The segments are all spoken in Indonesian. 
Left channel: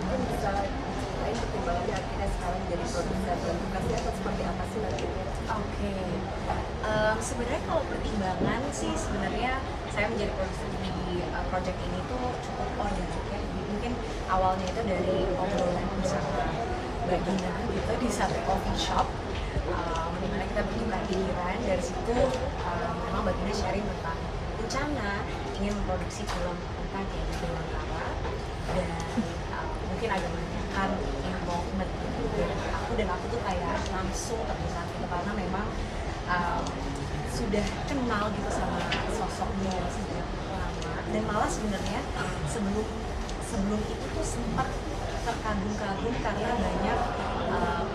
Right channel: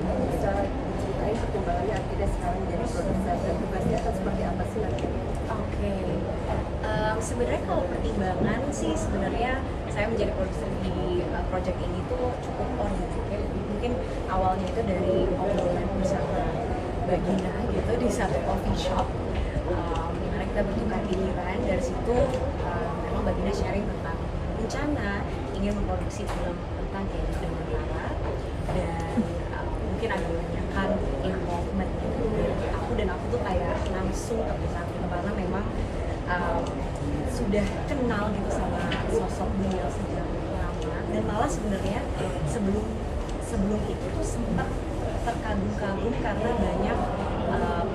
mungkin bisa diceritain pertimbangannya akhirnya sekarang jadi produsen dan tugasnya akan seperti apa sih nanti? Oke. Sebenarnya kalau pertimbangan sih sebenarnya saya menjadi produser di project ini tuh cukup organik ya. Jadi mungkin awalnya itu dari obrolan bersama Mbak Gina gitu di satu coffee shop, di mana kita bertukar pikiran. Dari situ memang Mbak Gina sharing tentang rencana ingin memproduksi film tentang Kiai Dewantara, dan mungkin ada menanyakan involvement dari aku, dan aku tuh kayak langsung terlihat gitu karena memang sudah kenal gitu sama sosok beliau sejak lama, dan malah sebenarnya sebelum itu tuh sempat terkagum-kagum karena banyak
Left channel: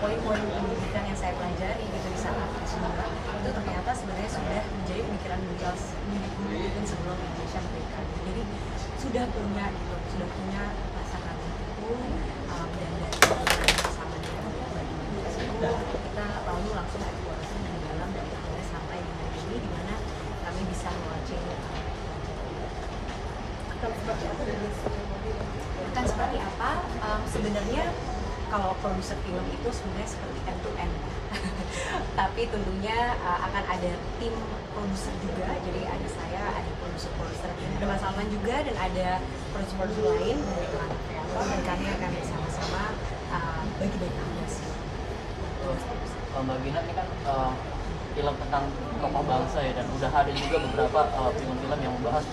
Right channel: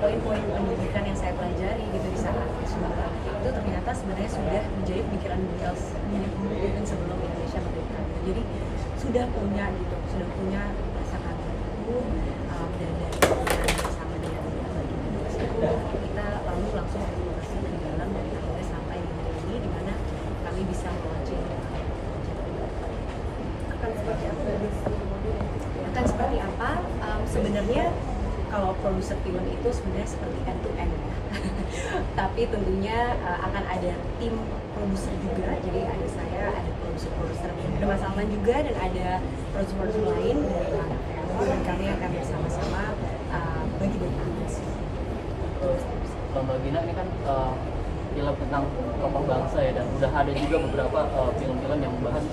poin-poin pendidikan yang saya pelajari gitu di saat S2 itu ternyata sebenarnya sudah menjadi pemikiran beliau mungkin sebelum Indonesia merdeka gitu. Jadi sudah punya rasa kagum, dan dari hubungan bersama dengan bagian tersebut kita lalu langsung eksplorasi lebih dalam dan akhirnya sampai di hari ini di mana kami bisa launching Akan seperti apa dari segi model? akan seperti apa. Sebenarnya kalau produser film itu sebenarnya seperti end to end ya. Tapi tentunya akan ada tim produser juga, jadi ada saya, ada produser ada Mas Salman juga, dan ada produser lain dari Planet Film, dan kami akan bersama-sama bagi-bagi tugas. Kalau Mbak Gina ini kan film tentang tokoh bangsa ya, dan udah ada juga beberapa film-film yang membahas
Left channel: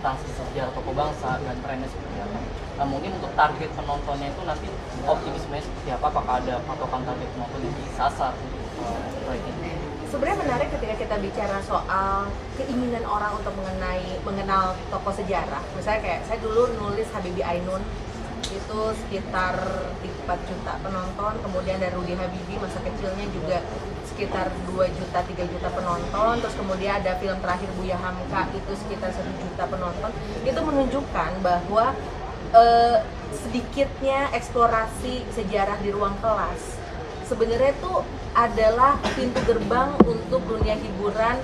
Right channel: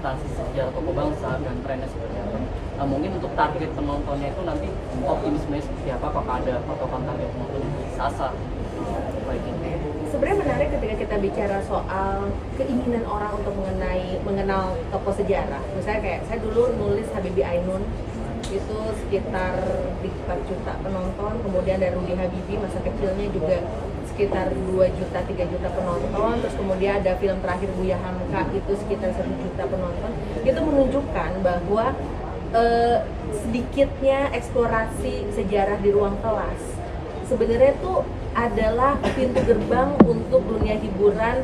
tentang sejarah tokoh bangsa dan trennya seperti apa. Nah, mungkin untuk target penontonnya itu nanti optimisme seperti apa? Apakah ada patokan target penonton yang disasar? Sebenarnya menarik ketika kita bicara soal keinginan orang untuk mengenal tokoh sejarah. Misalnya kayak saya dulu nulis Habibie Ainun, itu sekitar 4 juta penonton, kemudian dari Rudy Habibie masa kecilnya juga sekitar 2 juta, 3 juta penonton, terus kemudian ada film terakhir Buya Hamka itu sekitar 1 juta penonton. Itu menunjukkan bahwa sedikitnya eksplorasi sejarah di ruang kelas sebenarnya itu adalah pintu gerbang untuk dunia hiburan,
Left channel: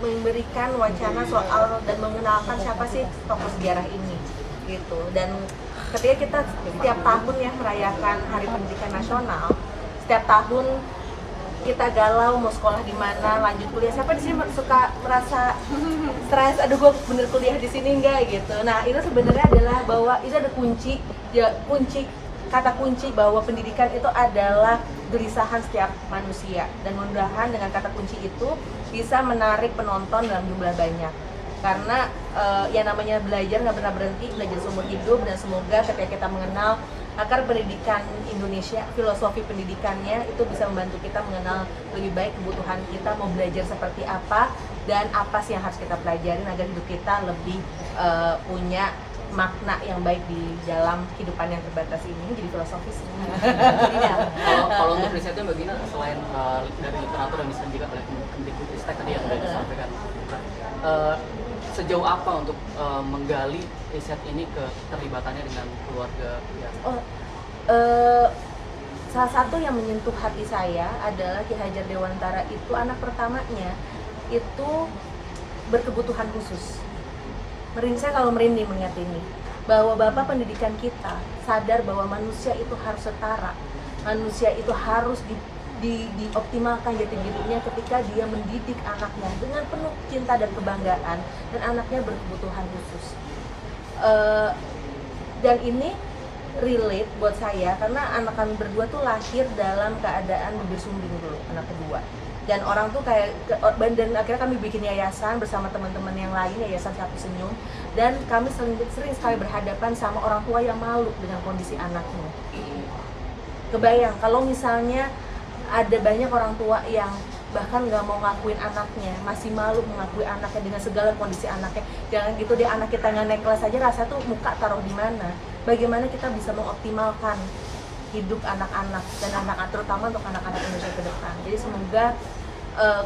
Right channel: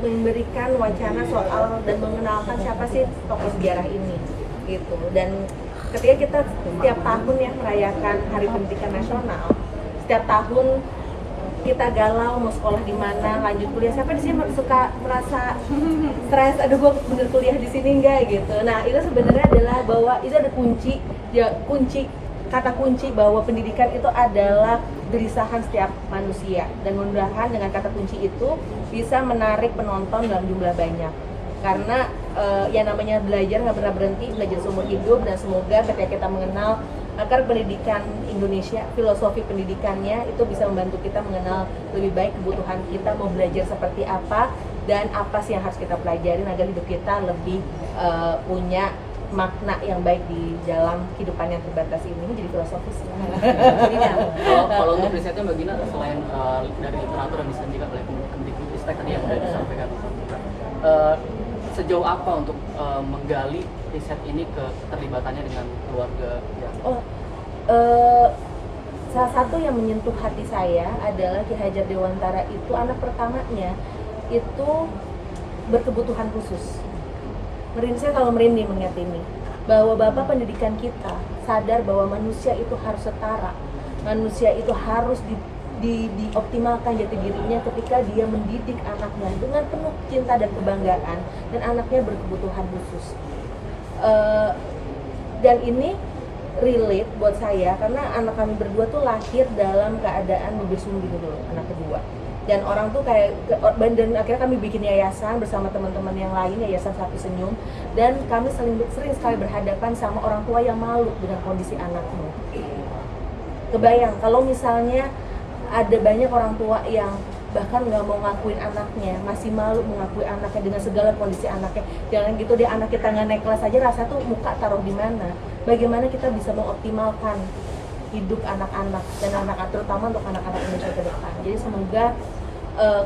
memberikan wacana soal dan mengenalkan siapa sih tokoh sejarah ini gitu. Dan ketika kita setiap tahun ya merayakan Hari Pendidikan Nasional, setiap tahun kita galau mau sekolah di mana, lanjut kuliah, siapa di sini suka merasa stres, aduh gue bener kuliah di sini enggak gitu. Nah itu sebenarnya adalah bahwa itu ada kata kunci bahwa pendidikan itu adalah gelisahan setiap manusia, dan mudah-mudahan dengan kata kunci itu bisa menarik penonton dalam jumlah banyak, karena yang namanya belajar nggak pernah berhenti, belajar seumur hidup. Dan semoga ketika kita mengenal akar pendidikan Indonesia, filosofi pendidikannya itu bisa membantu kita mengenal lebih baik kebutuhan kita mau belajar seperti apa dan apa sih yang harus kita pelajarin agar hidup kita lebih punya makna yang baik di dalam kehidupan yang terbatas ini. Jadi filosofis. Kalau untuk risetnya Mbak Gina, selain dari literatur yang disajikan oleh Kemdikbudristek tadi yang sudah disampaikan, sejauh apa untuk menggali riset ini ke keterlibatannya dengan keluarga? Salah satu yang menyentuh hati saya adalah Ki Hajar Dewantara itu anak pertamanya itu berkebutuhan khusus. Saya kalau merinding mengingat ini, bahwa Bapak pendidikan kita sadar bahwa manusia itu harus setara, manusia itu harus dioptimalkan jati dirinya ketika dia mendidik anaknya dengan penuh cinta dan kebanggaan, dan anaknya berkebutuhan khusus. Dan ini relate buat saya karena anak kami berdua tuh lahir dalam keadaan bibir sumbing dulu, anak kedua. Dan orang tuh kayak, dan akhirnya kami bikin yayasan bersama teman-teman yang lain, Yayasan Satu Senyum, dan kami sering sekali berhadapan sama orang tua yang malu dengan kondisi anaknya. Kebayang kalau misalnya ada banyak orang tua yang bahkan nggak mau ngakuin anaknya, masih malu mengakui anaknya dengan segala kondisi anaknya. Jangan gitu deh, anak kita nggak naik kelas aja rasa tuh muka taruh di mana. Bagaimana kita bisa mengoptimalkan hidup anak-anak dan anak-anak, terutama untuk anak-anak Indonesia ke depan. Jadi semoga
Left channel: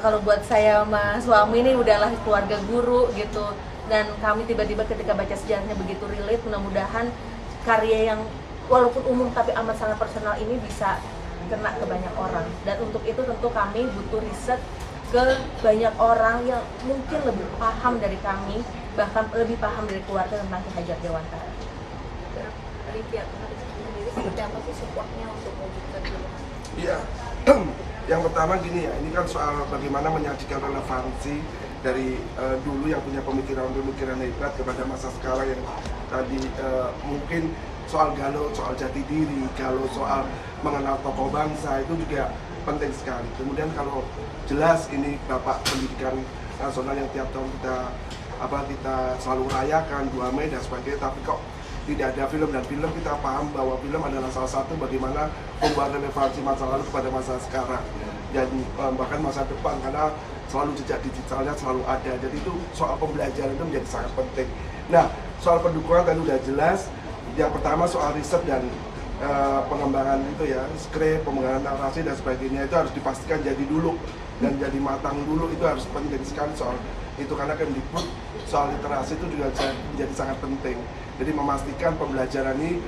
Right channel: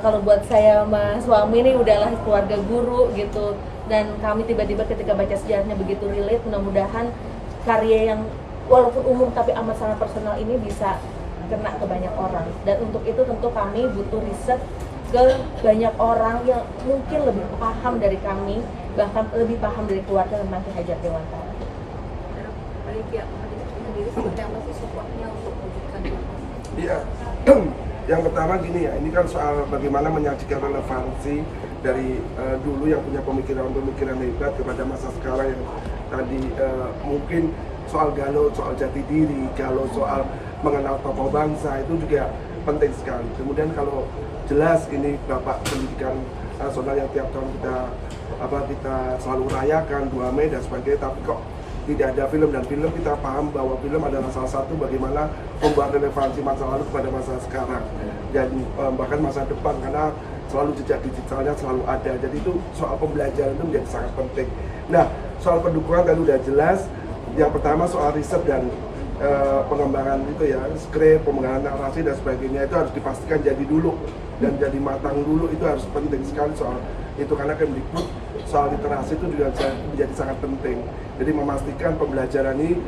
kalau buat saya sama suami ini udahlah keluarga guru gitu, dan kami tiba-tiba ketika baca sejarahnya begitu relate, mudah-mudahan karya yang walaupun umum tapi amat sangat personal ini bisa kena ke banyak orang. Dan untuk itu tentu kami butuh riset ke banyak orang yang mungkin lebih paham dari kami, bahkan lebih paham dari keluarga tentang Ki Hajar Dewantara. dari pihak produsen sendiri seperti apa sih supportnya untuk mewujudkan itu? Iya, yang pertama gini ya, ini kan soal bagaimana menyajikan relevansi dari dulu yang punya pemikiran-pemikiran hebat kepada masa sekarang yang tadi mungkin soal galau, soal jati diri, galau soal mengenal tokoh bangsa itu juga penting sekali. Kemudian kalau jelas ini Bapak Pendidikan Nasional yang tiap tahun kita selalu rayakan 2 Mei dan sebagainya, tapi kok tidak ada film, dan film kita paham bahwa film adalah salah satu bagaimana membuat relevansi masa lalu kepada masa sekarang dan bahkan masa depan, karena selalu jejak digitalnya selalu ada. Jadi itu soal pembelajaran itu menjadi sangat penting. Nah, soal pendukungan tadi udah jelas. Yang pertama soal riset dan pengembangan itu ya, skrip, pengembangan narasi dan sebagainya itu harus dipastikan jadi dulu dan jadi matang dulu, itu harus penting sekali soal itu, karena Kemdikbud soal literasi itu juga menjadi sangat penting. Jadi memastikan pembelajaran ini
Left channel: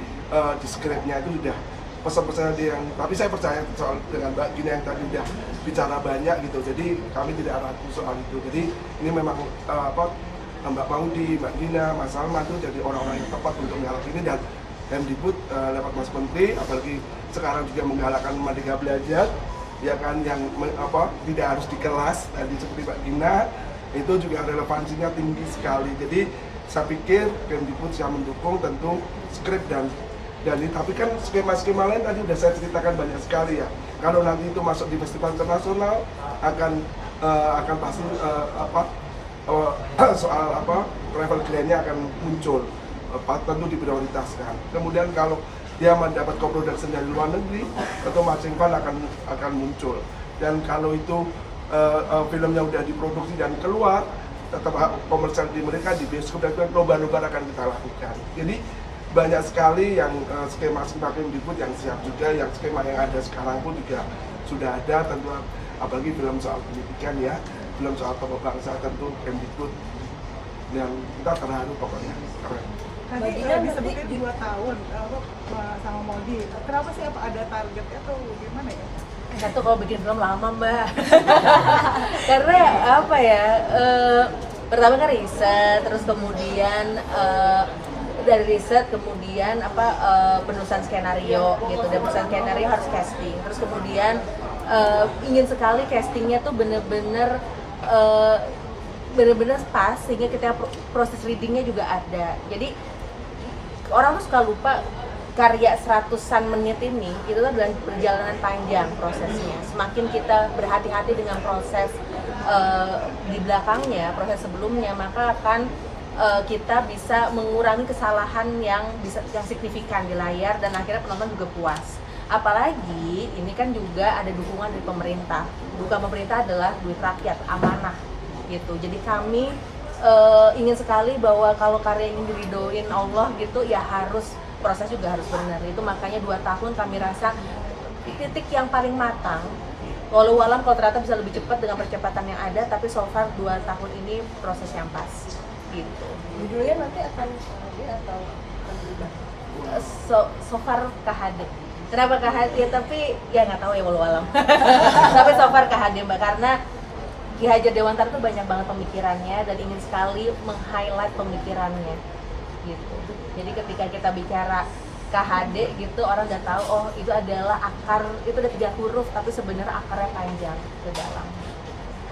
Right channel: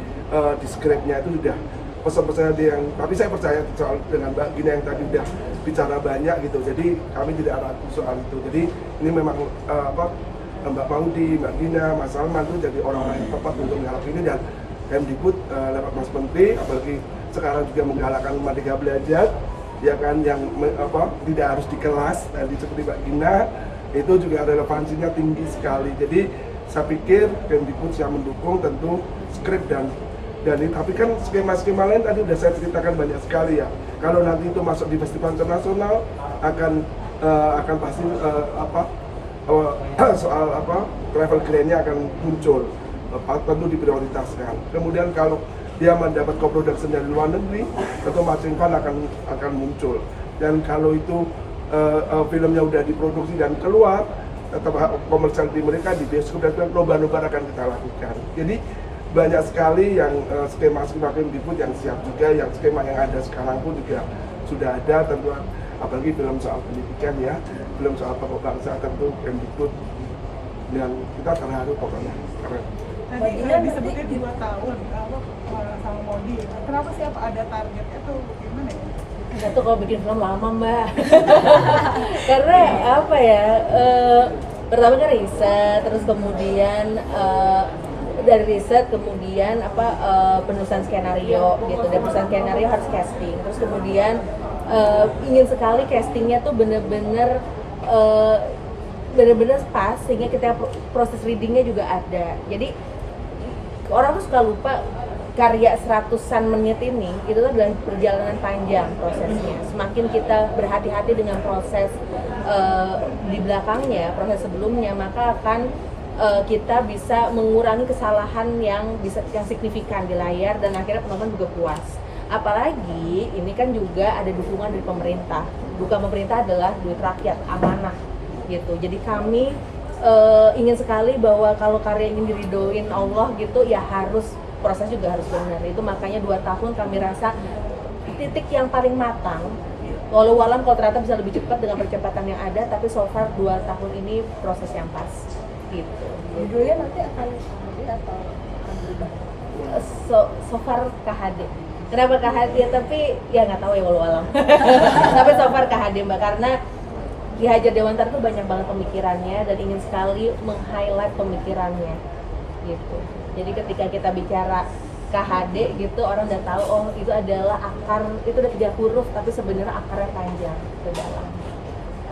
di skripnya itu sudah pesan-pesan yang, tapi saya percaya soal dengan Mbak Gina yang tadi udah bicara banyak gitu, jadi kami tidak ragu soal itu. Jadi ini memang Mbak Maudi, Mbak Gina, Mas Salman itu jadi orang-orang yang tepat untuk menggalak ini, dan Kemdikbud lewat Mas Menteri, apalagi sekarang juga menggalakkan Merdeka Belajar, ya kan, yang tidak harus di kelas, tadi seperti Mbak Gina, itu juga relevansinya tinggi sekali. Jadi saya pikir Kemdikbud siap mendukung tentu skrip dan ini, tapi kan skema-skema lain tadi udah saya ceritakan banyak sekali ya. Kalau nanti itu masuk di festival internasional akan pasti soal travel grant-nya akan muncul, tentu diprioritaskan. Kemudian kalau dia mendapat co-production dari luar negeri, tentu matching fund akan muncul. Dan kalau itu filmnya udah diproduksi dan keluar, tetap komersial di mereka di bioskop, dan lomba-lomba akan kita lakukan. Jadi banyak sekali yang skema-skema Kemdikbud yang siap juga, yang skema yang ada sekarang pun juga sudah ada, tentu apalagi film soal pendidikan ya, film soal tokoh bangsa, tentu Kemdikbud, dan kita terharu pokoknya. Keren. Tadi disebutin 2 tahun sama Maudi, kenapa sih, apa ada targetnya tuh gimana ya? Satu, kalau bikin film lama Mbak. Karena apa ya, pertama kan riset, terus kemudian dari riset kemudian penulisan skenario gitu, dan penulisan skenario harus casting, terus kemudian ingin sekali castingnya tuh bener-bener pas, sehingga kita proses readingnya juga ada. Jadi orang tuh suka lupa karya 100-an menit ini itu adalah perjalanan panjang prosesnya. Semakin kita berhati-hati dengan proses di belakangnya, proses sebelumnya, maka akan kita bisa mengurangi kesalahan yang signifikan di layar, dan akhirnya penonton juga puas. Apalagi ini kan juga ada dukungan dari pemerintah. Bukan pemerintah adalah duit rakyat, amanah gitu. Jadi kami ingin sekali bahwa kalau karya ini diridoin Allah gitu, ya harus proses juga harus benar. Itu makanya 2 tahun kami rasa titik yang paling matang. Walau alam kalau ternyata bisa lebih cepat dengan percepatan yang ada, tapi so far 2 tahun ini proses yang pas gitu. Judulnya nanti akan KHD atau akan berubah? So far KHD. Kenapa KHD? Ya, tapi ya nggak tahu ya walau alam. Tapi so far KHD Mbak, karena Ki Hajar Dewantara tuh banyak banget pemikirannya dan ingin sekali meng-highlight pemikirannya gitu. Jadi ketika kita bicara KHD gitu, orang udah tahu oh itu adalah akar, itu ada 3 huruf tapi sebenarnya akarnya panjang ke dalam.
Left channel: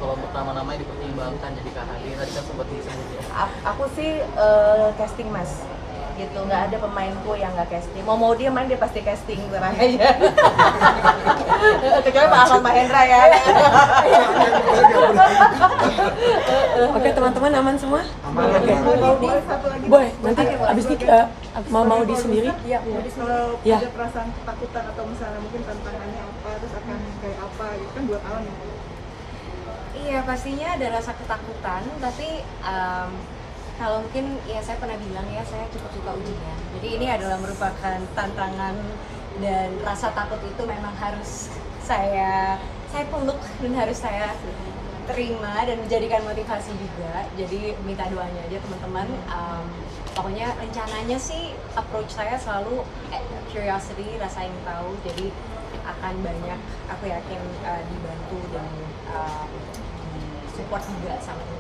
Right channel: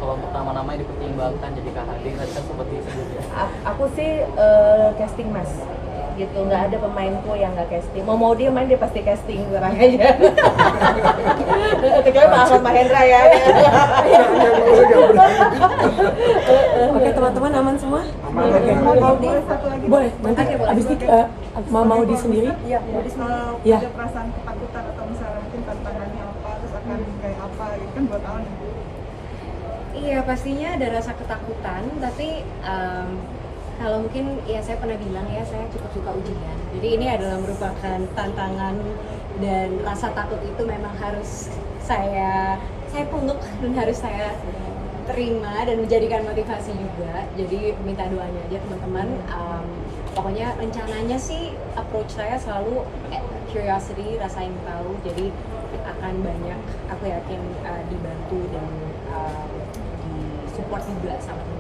Kalau untuk nama-nama yang dipertimbangkan jadi KHD, tadi kan sempat disebut. Aku sih casting mas gitu, nggak ada pemainku yang nggak casting. Mau dia main dia pasti casting, terang aja. Kecuali Pak Ahmad Mahendra ya. Oke teman-teman, aman semua? Maudi, satu lagi Boleh, nanti abis ini mau Maudi sendiri? Iya, mau di sini. Iya. ada perasaan ketakutan atau misalnya mungkin tantangannya apa, terus akan kayak apa gitu kan 2 tahun ya. Iya, pastinya ada rasa ketakutan, tapi kalau mungkin ya saya pernah bilang ya, saya cukup suka ujian. Jadi ini adalah merupakan tantangan, dan rasa takut itu memang harus saya peluk dan harus saya terima dan menjadikan motivasi juga. Jadi minta doanya aja teman-teman. Pokoknya rencananya sih approach saya selalu curiosity, rasa ingin tahu. Jadi akan banyak, aku yakin dibantu dan disupport juga sama teman.